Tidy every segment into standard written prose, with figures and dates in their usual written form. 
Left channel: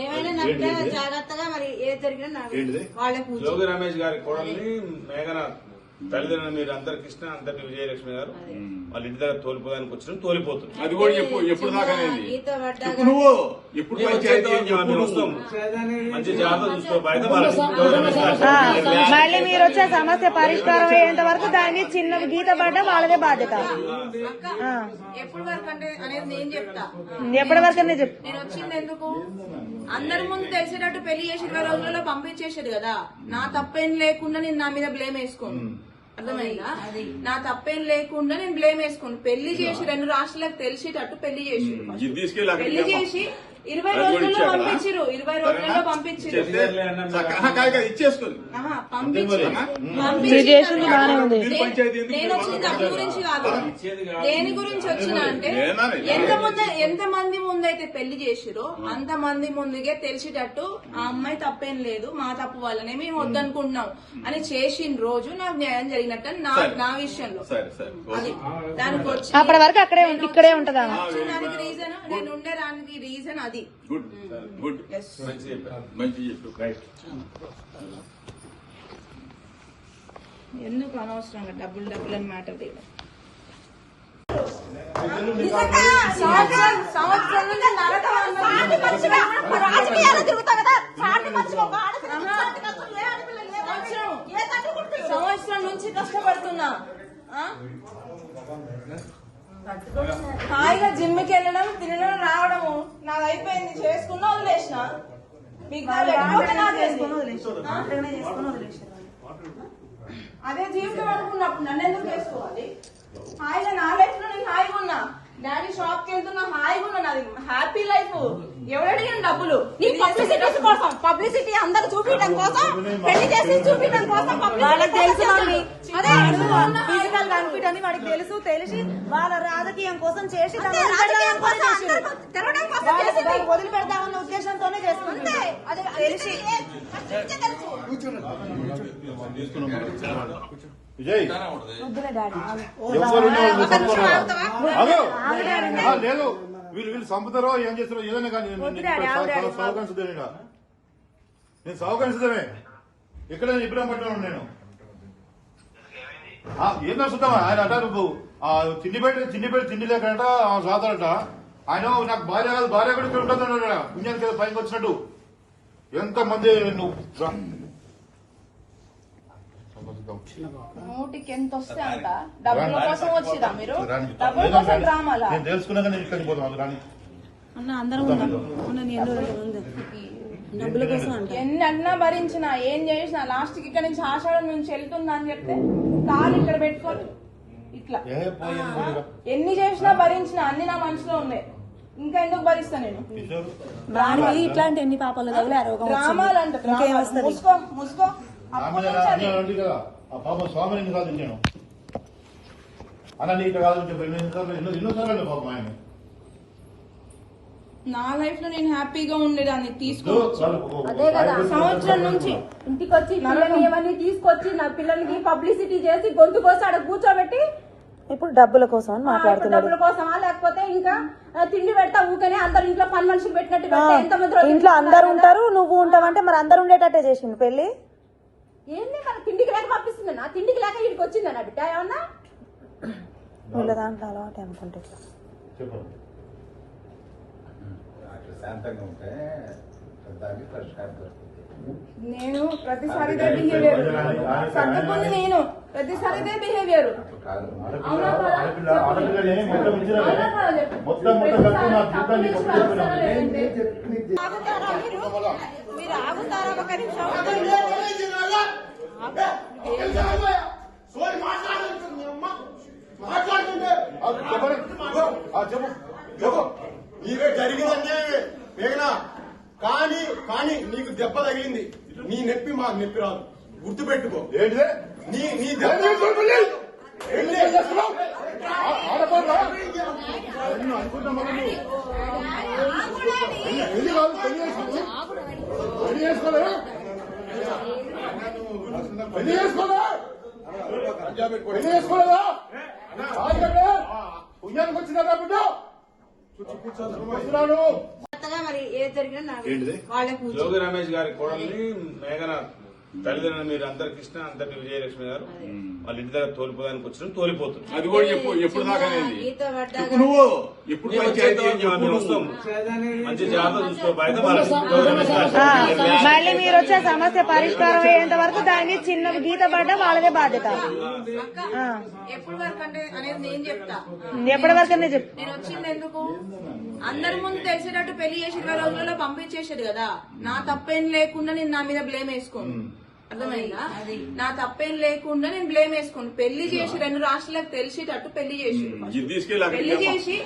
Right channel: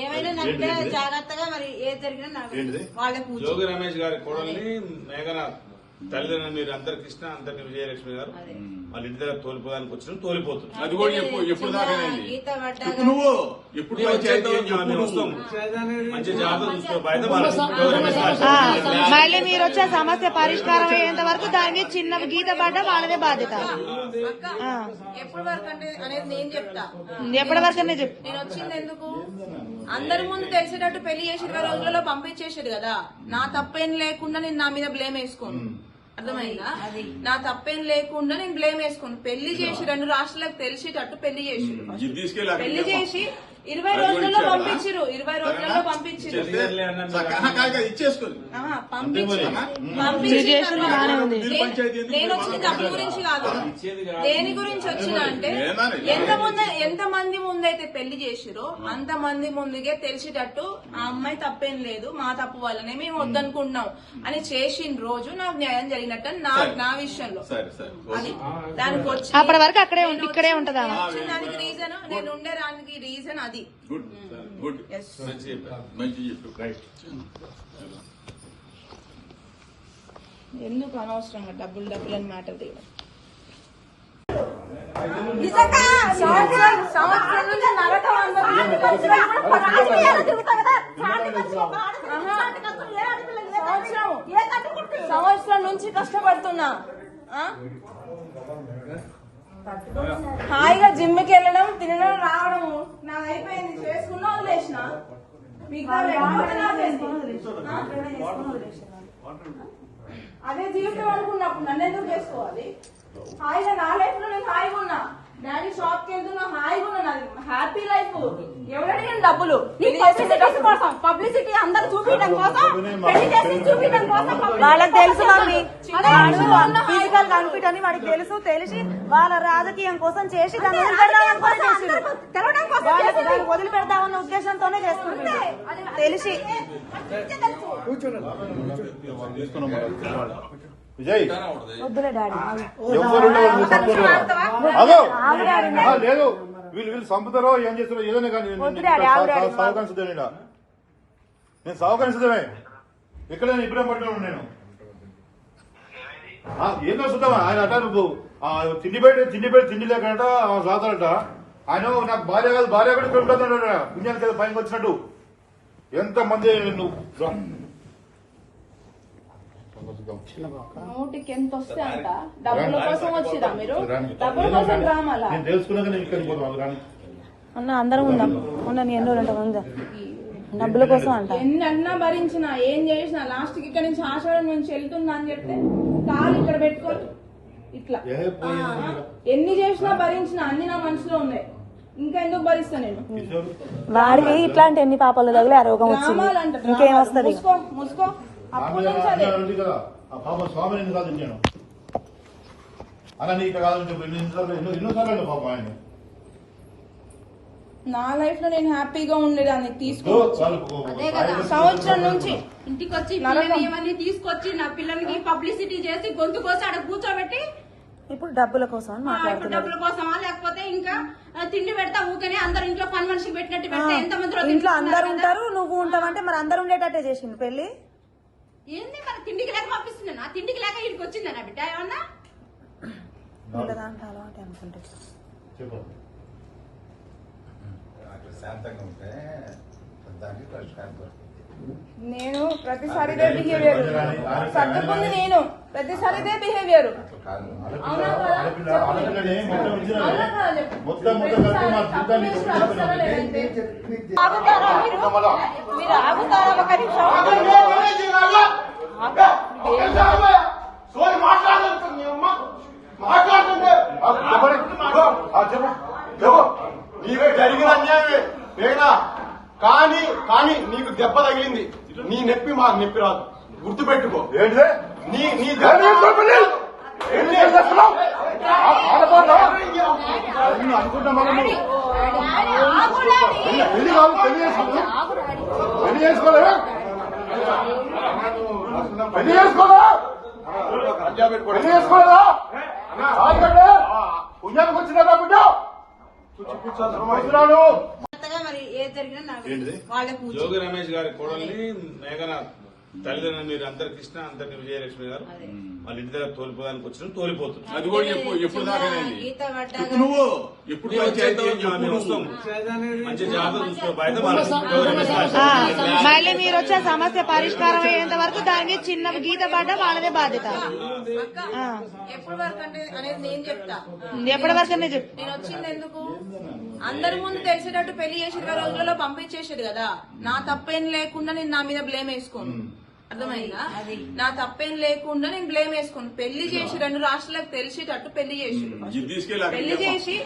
ఏమైనా జాగ్రత్తగా మరి ఏది జరిగినా వాళ్ళకి జోగి రమేష్ గారి కోడల్ని మేఘనాథ్ తల్లిదండ్రులు మీరు అందరు కృష్ణ అందరిని విజయలక్ష్మి గారు వాళ్ళ ఇంటి దగ్గర తోలిపోదానికి వచ్చిన తోలిపోతుంది. అది కూడా ఎప్పుడు దాకా నువ్వు ఎప్పుడు వస్తాం మంచి జాగ్రత్త చూసుకోవాలి. మళ్ళీ మీరు వచ్చే సమస్య పరిష్కారం అయ్యేంత వరకు దానికి చిన్న గీత పడ్డ వాళ్ళదే బాధ్యత. ఎప్పటి వరకు అంటే అనేది నేను చెప్తా. ఎప్పటి వరకు అనే చెప్తా. నేను వచ్చింది ఎందుకు అందరి ముందు తెలిసేటట్టు పెళ్లి చేసి 20 రోజులలో పంపించేసాడు కదా. నా తప్పేం లేకుండా నేను నా మీద బ్లేమ్ వేసుకోను. అర్థమైందా? నా తప్పేం లేకుండా నేను బ్లేమ్ వేసుకోను. పెళ్లి చేసి 2 రాష్ట్రాలకు తెలిసేటట్టు పెళ్లి చేసి 20 రోజుల్లో పంపించారు. 20 రోజుల్లో పంపించారు. నేను వచ్చిన డబ్బు గురించి కాదు, దేని గురించి వచ్చినా అంటే ఎంతమంది ముందైతే పెళ్లి చేసిరో అంతమంది ముందుగే తెలిసేటట్టు ఆ అమ్మాయి తప్పేం లేదు, మా తప్పు వల్లనే మేము వద్దనుకుంటున్నాం అని చేసిన రోజు నాకు న్యాయం జరిగినట్టు నా విషయంలో. అది దానికి వచ్చి అప్పటి వరకు ఇక్కడే ఉంటదా దానికి రీజన్ నేను ఉండేదానికి రీజన్ అది. గుడ్ గుడ్ మంచి ఎందుకు అనవసరంగా డబ్బులు అని మ్యాటర్ తీయడం. సంవత్సరం నుంచి కష్టపడుతున్నా. హాయిగా జిమ్కి వెళ్ళడం, తినడం, రావడము నాకు అయిపోయింది. చేసుకున్నా వదిలేసిన. అదే జీవితం అనుకున్నప్పుడు నన్ను ఎందుకు చేసుకోవాలి? హాయిగా నా లైఫ్ లో నేను హాయిగా ఉన్నా. డాడీ షాప్ కి వెళ్తున్నా, హాయిగా ఉన్నా. నాది హ్యాపీ లైఫ్. ఎవరడిగిన డబ్బులు నీ పబ్లిసిటీ కోసం, పబ్లిసిటీ అందరు చూపించడం కోసం, పెళ్లి చేసి చూపించడం కోసం అదే ఫిజికల్ బెనిఫిట్ అని మనకి తెలిసి వాళ్ళ రాజకీయం కోసం చేసి రాజకీయం కోసం తెలవడం కోసం చేసింది. వదిలిపెడదామన్న ఉద్దేశంతోనే చేస్తాం. అంతే తెలిసి విజయ్ లేదు వీళ్ళు చంపుతారో ఏం చేస్తారో ఏదైనా కానీ సహకరించదేనా నేను సహకరించదమే ఎక్కడైనా ఇబ్బంది పట్టుకున్నాను నేను. ఏం చూద్దామా ఆయన అట నువ్వు తిండి లేకట సాతాడట. ఆయన నాకు భార్య కాదు, భార్య కూడా ఇక్కడ ఉంటుంది పుణ్యానికి కదా పైకి వచ్చినట్టు. ఎంత మంది నువ్వు నూటికి ఎంత వస్తే అంట డబ్బుల కోసం వచ్చిరా మీరు? డబ్బుల కోసం రామాలా? నేను తెలుసుకున్నా అన్న అందరం ఉందాం. నీ ఎన్నో ఉందా డబ్బుల కోసం అంట. ఎన్ని అన్నా భరించినా ఏం చేసినా లాస్ట్ కి ఇక్కడ నుంచి ఆషాఢం నుంచి వెళ్తుందా అని చెప్తే తాళి ఇక్కడ పెట్టుకొని ఇట్లా ఎన్ని చేసినా భరించినా అన్ని నా మనసులో ఉన్నాయి. ఇంకా ఎందుకు భరిస్తా నేను? వాడికి ఇట్లాంటి ఎన్ని పాపాలు తగిలే రోగం వచ్చింది, ఇంకేం వస్తుంది? పాప స్వామిని కాదు నేను అన్న నీకు కాదు ఎన్నోసార్లు పాపం ఆయన. నా లైఫ్ లో నేను హ్యాపీగా ఉండేదాన్ని తీసుకోవచ్చు. అదే కదా సంవత్సరం నుంచి ఇంటికి వచ్చి పిల్లల్ని ఇవన్నీ తీసుకొచ్చి నా పిల్లలకి పబ్లిసిటీ చేసి గొంతు కోసి అక్కడ కూర్చోబెట్టి ఇప్పుడు డబ్బుల కోసం మాట్లాడుతున్నారు. డబ్బుల కోసమా లేకపోతే ఇంకా తిండి పెడతా ఊకనే అందరు ఇంట్లో పని మనిషికి పెట్టినట్టు పెడతా. ఎంతమంది ఇంట్లో అందరు ఉంటారు, నువ్వు ఉంటావంటే మరి అందరు ఉండేటట్టే చేసింది పెళ్లి. ఏంది మన తిండికి లేక పంపిస్తుంది? నా తిండికి లేక ఇక్కడికి వచ్చిందా నా బిడ్డ? ఏమన్నా వీళ్ళ దాంట్లో అలవాటు అనుకుంటే నేను ప్రతిసారి బిహేవియర్ సర్దుకుంది. నేను ప్రతిసారి ఇదే బిహేవియర్. మీరు ఆగుతారా ఒక నిమిషం? నీవే జరిగిన అన్యాయమే మేఘనా. కానీ నీకు దెబ్బ తగిలింది. నీ నొప్పి మాకు నొప్పి రాదు, గుర్తుపెట్టుకో. నీ చేసుకోలేదా పుణ్యానికి వచ్చిందా బిడ్డ? మరి ఏది జరిగినా నాకు ఏంటిది? వాళ్ళకి కూర్చో. జోగి రమేష్ గారి కోడల్ని మేఘనాథ్ తల్లిదండ్రులు మీరు అందరు కృష్ణ అందరిని విజయలక్ష్మి గారు వాళ్ళ ఇంటి దగ్గర తోలిపోదానికి వచ్చిన తోలిపోతుంది. అది కూడా ఎప్పుడు దాకానేది ఈత పడ్డాక చెప్పు నువ్వు ఎప్పుడు పంచాయతీ మేము వస్తాం మంచి జాగ్రత్త చూసుకో బయట మళ్ళీ మీరు వచ్చే సమస్య పరిష్కారం అయ్యేంత వరకు దాని చిన్న గీత పడ్డా వాళ్ళదే బాధ్యత. ఎప్పటి వరకు అంటే అనేది నేను చెప్తా. ఎప్పటి వరకు చెప్పు. నేను వచ్చింది ఎందుకు అందరి ముందు తెలిసేటట్టు పెళ్లి చేసి 20 రోజులలో పంపించేసాడు కదా. నా తప్పేం లేకుండా నేను నా మీద బ్లేమ్ వేసుకోను. అర్థమైందా? నా తప్పేం లేకుండా నేను బ్లేమ్ వేసుకోను. పెళ్లి చేసి 2 రాష్ట్రాలకు తెలిసేటట్టు పెళ్లి చేసి పెళ్లి చేసి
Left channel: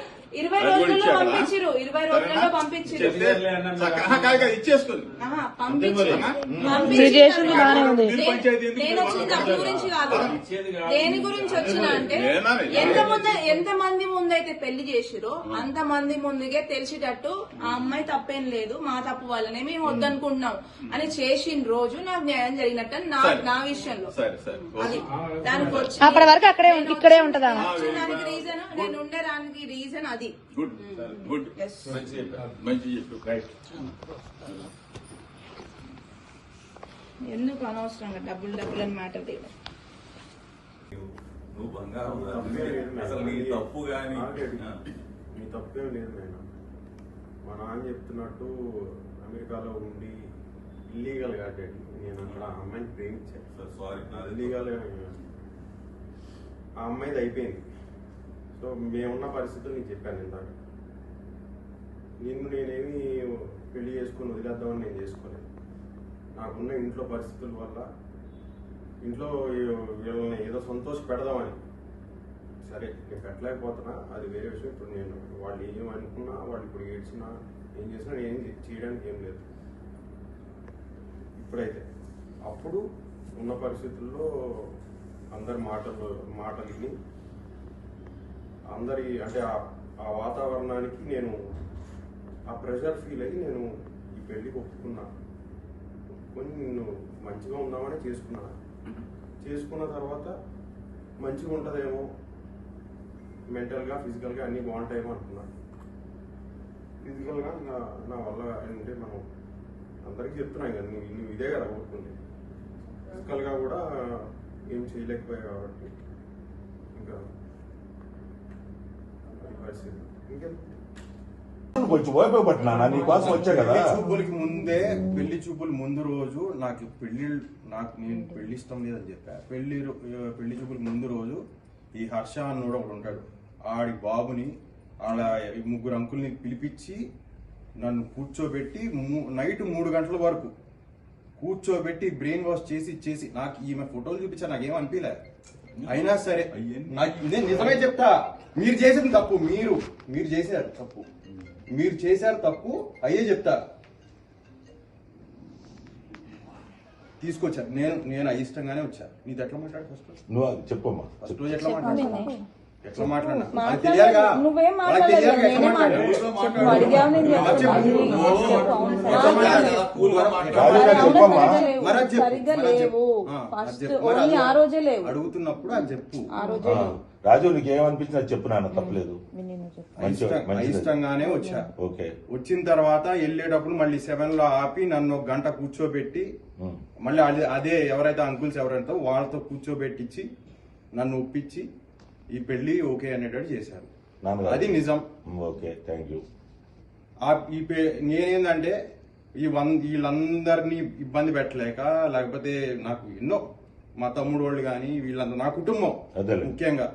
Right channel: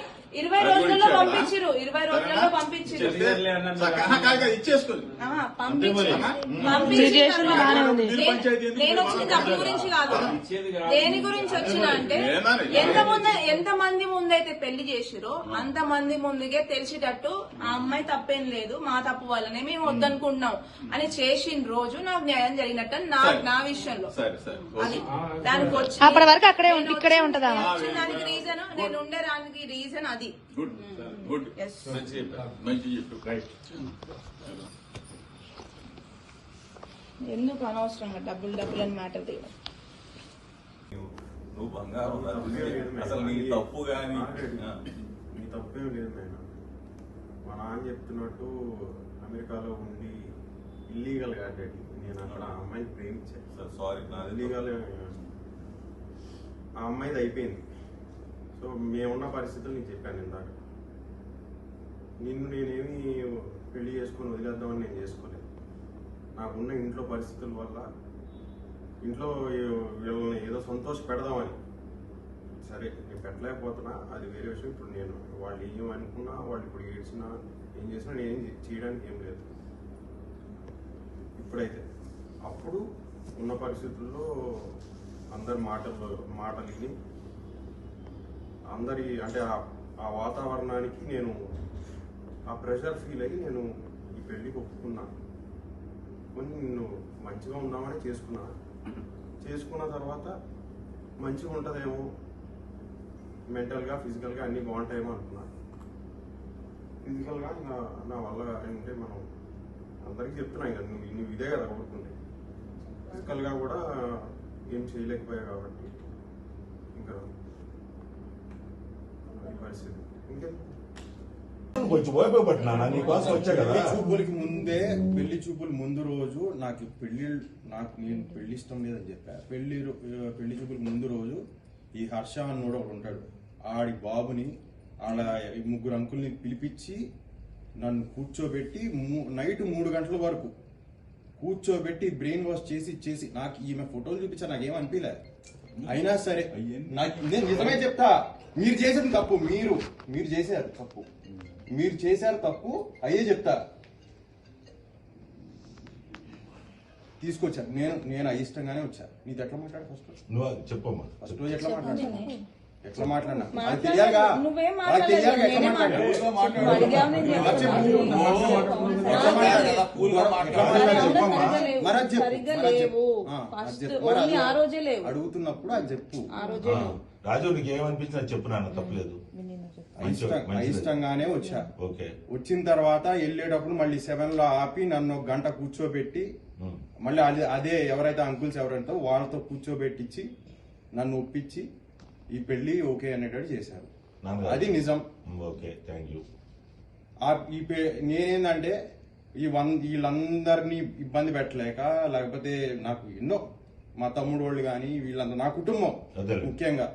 20 రోజుల్లో పంపించారు. 20 రోజుల్లో పంపించారు. ఇచ్చేసుకుని మీరు చేసింది బానే ఉంది. నేను వచ్చింది డబ్బుల గురించి కాదు. దేని గురించి వచ్చినా అంటే ఎంతమంది ముందైతే పెళ్లి చేసిరో అంతమంది ముందుగే తెలిసేటట్టు ఆ అమ్మాయి తప్పేం లేదు, మా తప్పు వల్లనే మేము వద్దనుకుంటున్నాం అని చేసిన రోజు నాకు న్యాయం జరిగినట్టు నా విషయంలో అది. దానికి వచ్చి అప్పటి వరకు ఇక్కడే ఉంటదా? దానికి రీజన్ నేను ఉండడానికి రీజన్ అది. గుడ్ గుడ్ మంచి చెప్పారు, మంచి చెప్పు. రైట్. ఎందుకు అనవసరంగా డబ్బులు అని మాటలు తీయడం. నువ్వు బంగారం అసలు నీ తప్పు కానీ నీ తప్పేం లేదు మేడం. మా నాన్న చెప్తున్నట్టు అమెరికాలో ఉండి ఇల్లీగల్ గా డాడీ నేను అక్కడ ఆ అమ్మాయిని ప్రేమించాను. సారీ ఇల్లీగల్ ఆ అమ్మాయిది అయిపోయింది. సో మేమున్న పరిస్థితులు నీకు చెప్పాను ఇందాక. నేనేమి పెళ్లి చేసుకుని వదిలేద్దామని నేను చేసుకోలేదు. నాకున్న ఇంట్లో పరిస్థితుల వల్ల ఇంట్లో వీళ్ళని ఏదో సంతోష పెడదామని. సరే నేను పెట్టలేకపోతున్నా, అది వేరే విషయం. ఇప్పుడు నేను వాళ్ళు ఏమనుకున్నా, వాళ్ళు ఇప్పుడు ఏడ్చినా ఏం చేసినా నేను చేయడానికి ఏం లేదు ఇప్పుడైతే. అప్పుడు ఉన్న పరిస్థితుల్లో అందరి మాటలు విని అందరి అంటే ఆ వాతావరణానికి నేను ఆ ప్రెషర్ ఫీల్ అయ్యి నేను ఈ పెళ్లికి ఒప్పుకున్నాను. కొన్ని నేను మంచిగా ఉందామని చేసుకున్నాను. చేసుకున్న తర్వాత మంచిగా ఉంటుందేమో, మెంటల్గా ఫిజికల్గా అన్నీ బాగుంటాయేమో అనుకున్నాను. ఫిజికల్గా నా వల్ల అంటే మనం అందరికీ చెప్తున్నాం కదా, నువ్వు ఇదే కదా కోరుకుంది. ఫిజికల్గా కూడా ఏం చేయలేకపోయా కాబట్టి ఇంకా పరిస్థితి ఇంకేం. కొంచెం ఓపికపట్టినా నీకోసం వచ్చా కదా. పెళ్లి చూపుల ముందు రోజు నాకు నేను పెళ్లి ఇష్టం లేదని చెప్పా. పెళ్లి చూపుల ముందు రోజు ఈ హర్ష అన్నోడు ఒకడు ఉంటాడు, ఆడి బాబుని ఆడ 3 అంకుల్ని పిలిపించి నన్ను కూర్చోబెట్టి నైట్ 3 గంటల వరకు కూర్చోబెట్టి బ్రెయిన్ వాష్ చేసి నాకు ఈమె ఫోటోలు చూపించా, నాకేం అనిపించలే. అయినా సరే నేను నిజమే చెప్తా, మీరు చేసేది తప్పు. మీరు చేశారు తప్పు, మీరు చేశారు తప్పు, అయ్యే చెప్తా. తీసుకొచ్చాను నేను అయిష్టంగానే వచ్చా. నీతో ఎట్లా మాట్లాడు ఫస్ట్ నువ్వు అది చెప్పమ్మా. ఫస్ట్ రోజు ఎట్లా మాట్లాడినా తెలియాలిగా. నువ్వేం మాట్లాడలేదు, నేనే సరిగ్గా లేవు. ఫస్ట్ ఓన్లీ ఆ రోజే లేవు. అడుగుతున్నప్పుడు అది చెప్పు. ఆ రోజే లేవు. రాజు నీకు ఏమనిపించినా చెప్పు, నాన్న తప్పలేదు. అయిష్టంగానే వచ్చా. ఓకే. వచ్చిన తర్వాత వెళ్ళేటప్పుడు మళ్ళీ 7 లో ఆపి నన్ను 1 గంట కూర్చోబెట్టి మళ్ళీ అదే ఎవరైతే అంకుల్స్ ఎవరైతే వాళ్ళతో కూర్చోబెట్టించి నన్ను ఒప్పించి ఈ పెళ్లి ఓకే అనేటట్టు చేశారు. అది నిజం. Okay, thank you. నేనేందంటే వీళ్ళందరినీ ఇబ్బంది పెట్టలేక, లేకపోతే నాకు ఎన్నో మా తమ్ముడు వాళ్ళు కానీ వీళ్ళందరూ నా కుటుంబం ముఖ్యంగా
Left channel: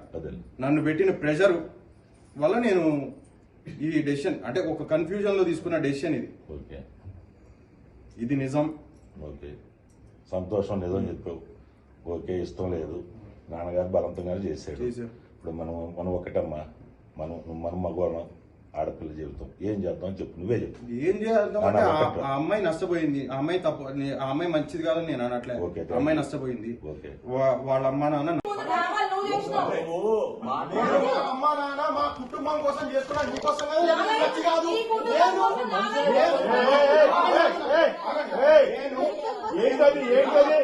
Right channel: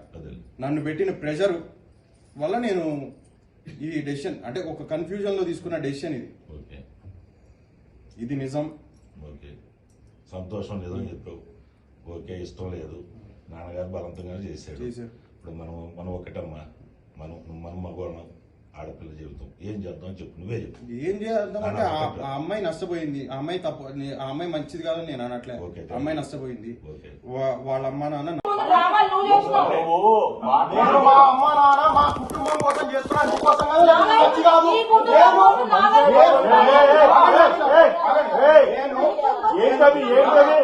నన్ను పెట్టిన ప్రెషర్ వల్ల నేను ఈ డెసిషన్ అంటే ఒక కన్ఫ్యూజన్ లో తీసుకున్న డెసిషన్ ఇది నిజం. ఓకే, సంతోషం లేదని చెప్పావు. ఓకే, ఇష్టం లేదు, నాన్నగారు బలవంతంగానే చేశాడు. ఇప్పుడు మనం ఒకటమ్మా, మనం మగవాళ్ళం, ఆడపిల్ల జీవితం ఏం చేద్దాం చెప్పు, నువ్వే చెప్పు. ఏం చేద్దాం అంటే ఆ అమ్మాయి నష్టపోయింది, ఆ అమ్మాయి తప్పు, ఆ అమ్మాయి మంచిది కాదని నేను అనట్లే. అమ్మాయి నష్టపోయింది, వాళ్ళ అమ్మ నాన్న మా అమ్మ నాన్న మా కుటుంబం కోసం చేస్తున్నా, నీకోసం కాదు. ఏంటది ఏంటది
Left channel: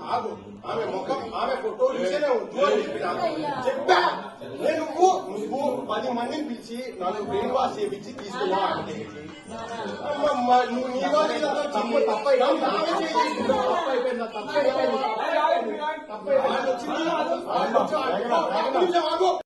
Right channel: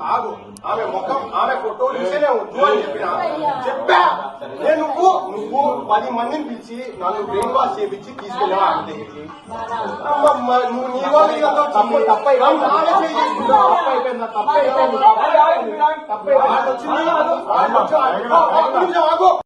కాదు ఆమె ముఖం ఆమె ఫోటో చూసేనే వద్దు అని చెప్పా నేను నువ్వు 10 మందిని పిలిచి నన్ను బ్రెయిన్ వాష్ చేయించి తీసుకెళ్ళావా ఆమె దగ్గరికి నువ్వు నీలో తప్పైపోయిందా